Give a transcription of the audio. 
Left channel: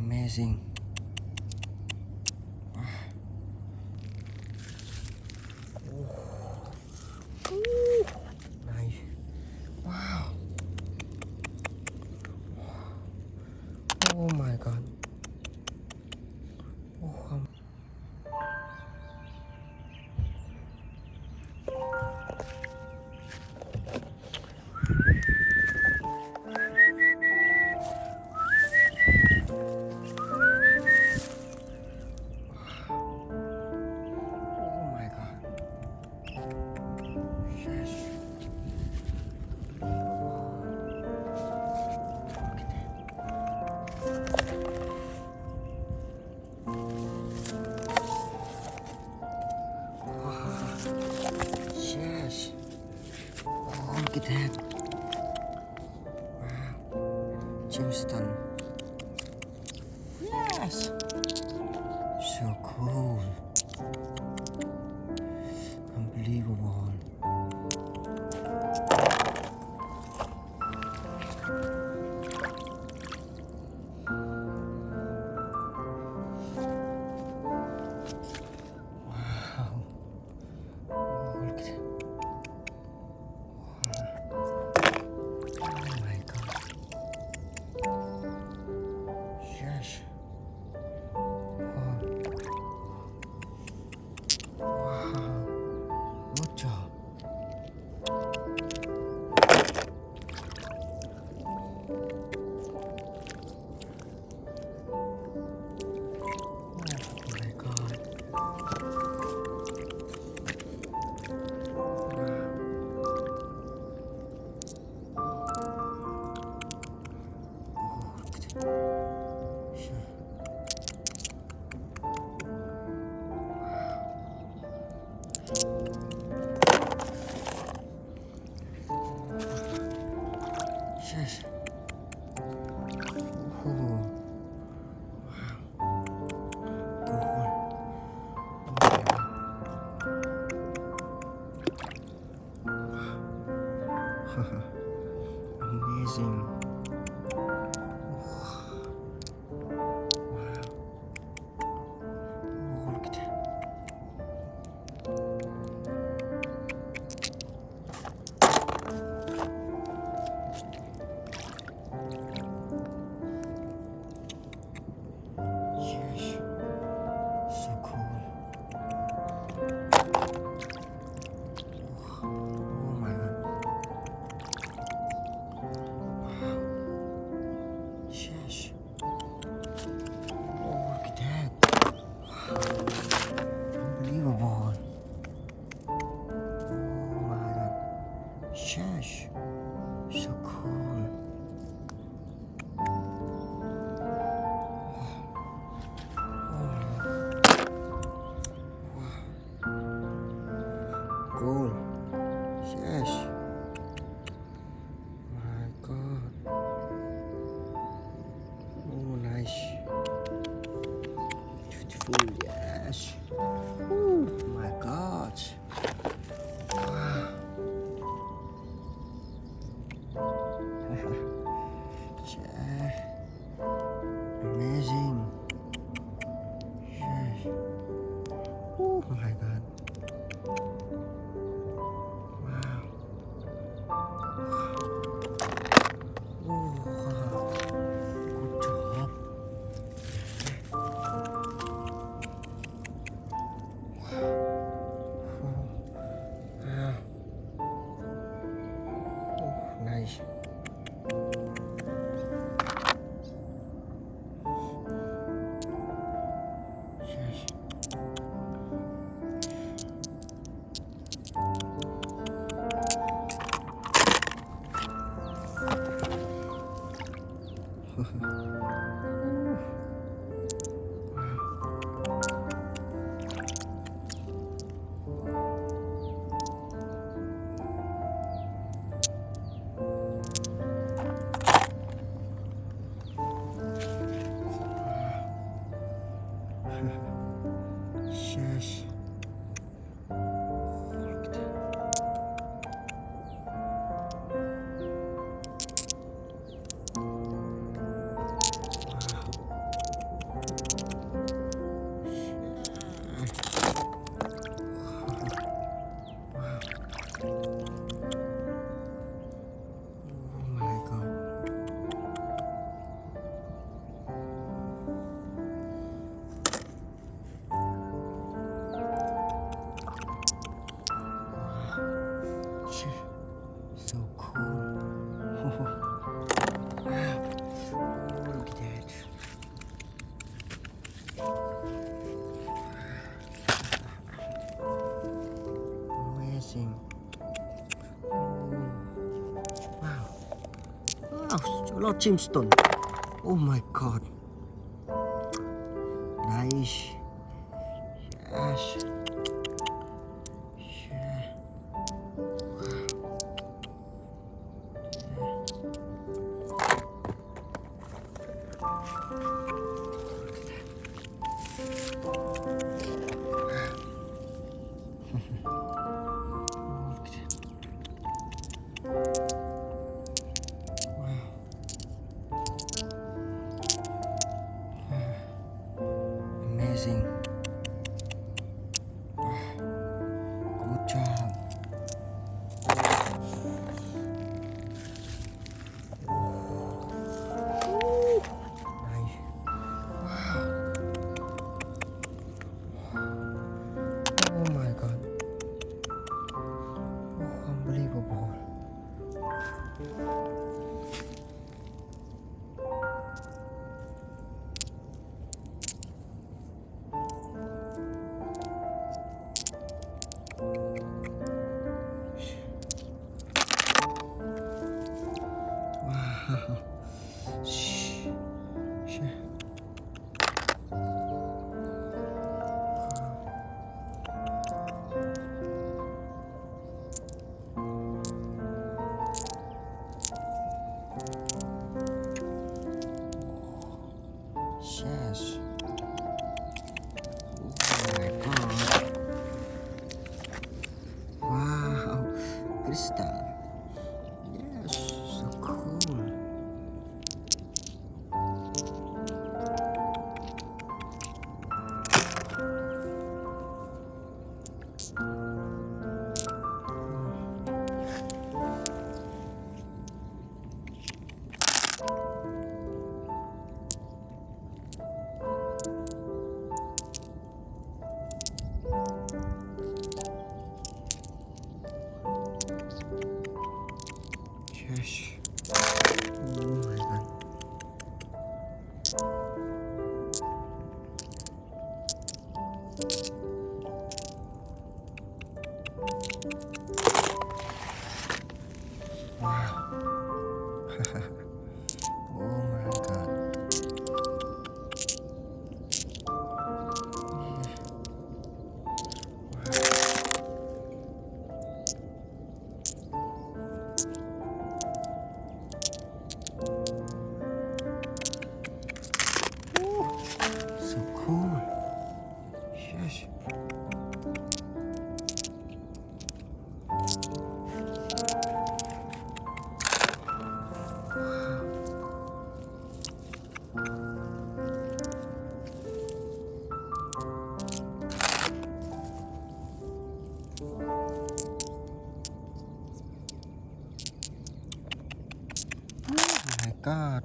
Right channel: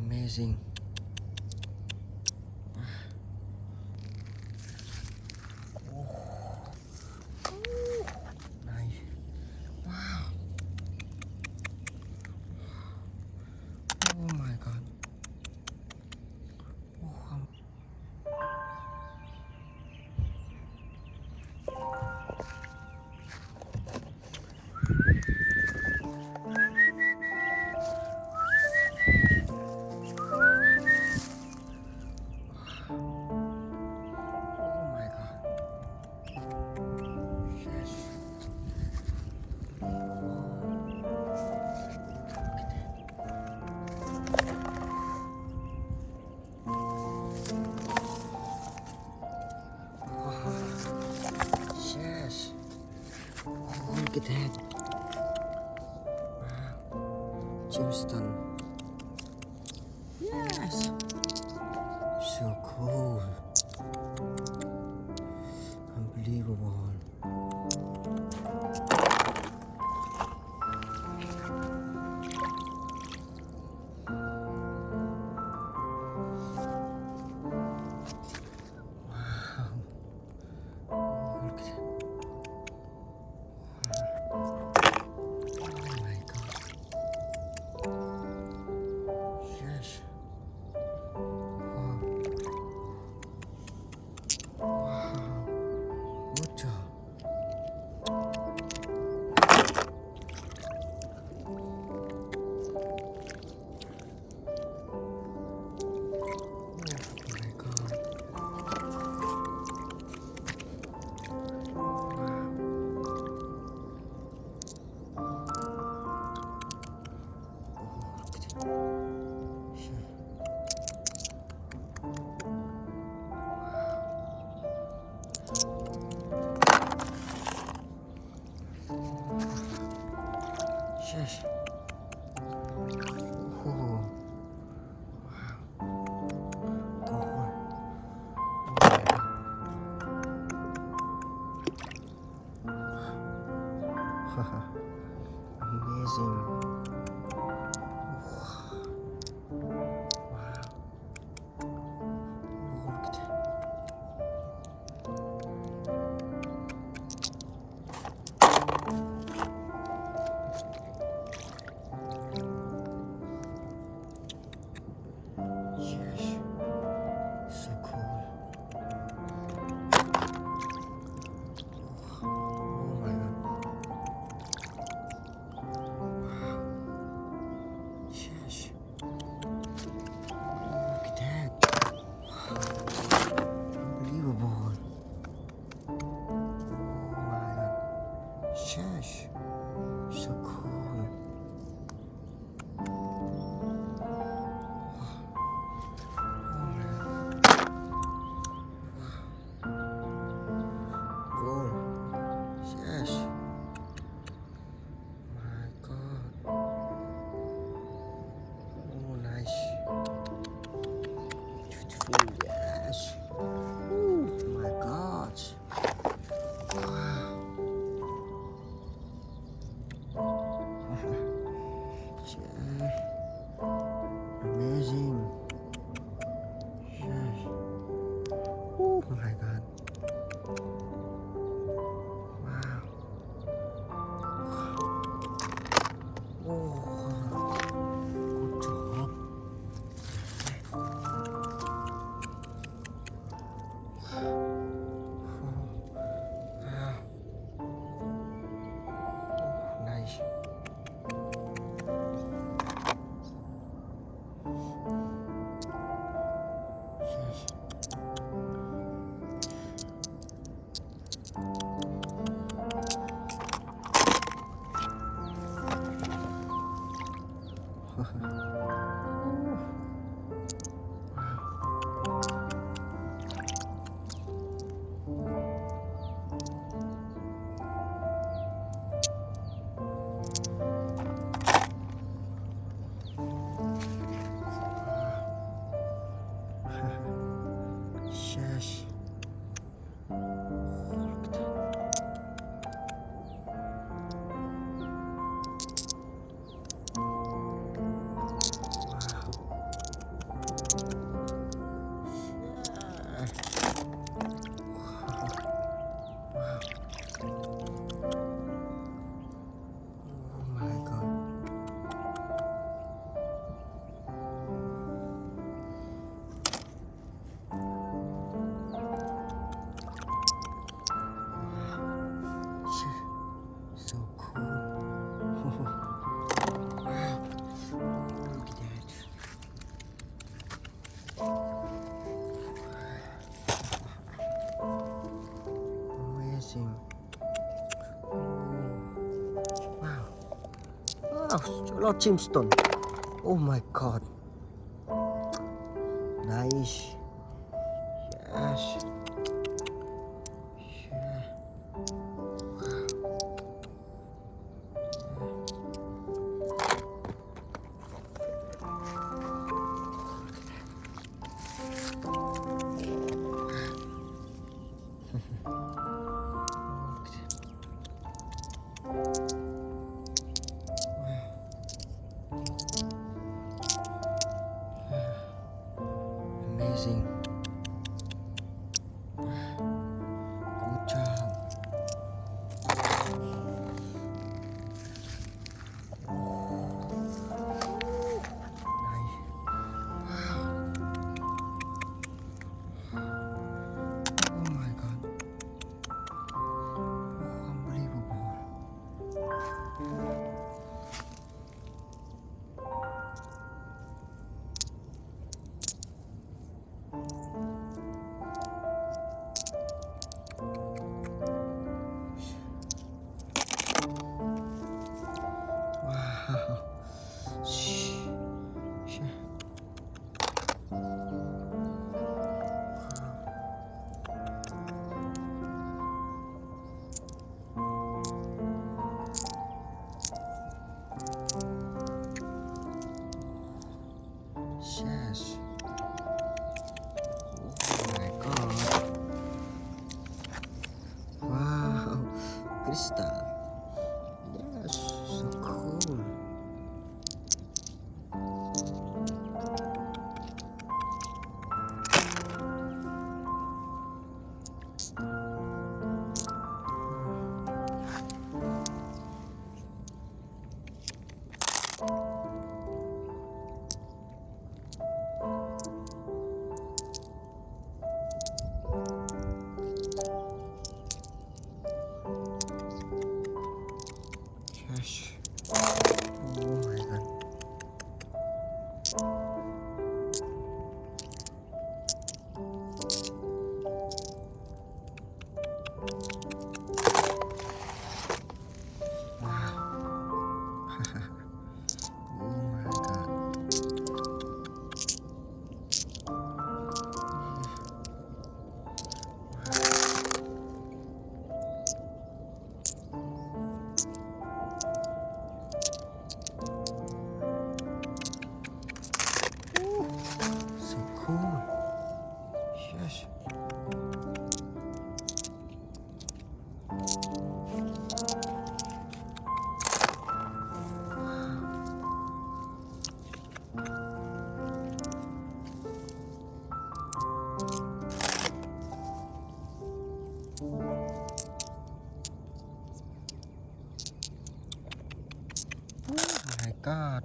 Amazing. Nice. Wow. Oh my god. Oh, oh my god. Yes. Yes. Oh, look at that. Wow. Gemstone. Yes. So cool. Unbelievable. Wow. Oh, look at it. Oh my god. Yes. Oh. Wow. Good job. Oh my god. Wow. Oh, look at it. Sure. Yes. Oh. Cool. Amazing. Wow. Oh, look at that. Yes. So cool. Oh my god. Wow. Yes. Oh, look at that. Unbelievable. Oh my god. Yes. So cool. Oh my god. Wow. Cool. Yes. My god. Oh, nice. Beautiful. Yes. Oh my god. Wow. Yeah. Amazing. Yes. Oh my god. Wow. Oh, wow. Good job. Wow. Oh, nice. Yes. Yes. Look at that. Wow. Lord Chimstone. Oh my god. Nice. Yes. Yeah. Amazing. Good job. Nice. Oh my god. Oh, unbelievable. Wow. Shh. Shh. Yes. Oh my god. Wow. Crystal. Yes, so cool. Yes. Oh my god. Wow. Oh my god. So cool. Yes. Oh my god.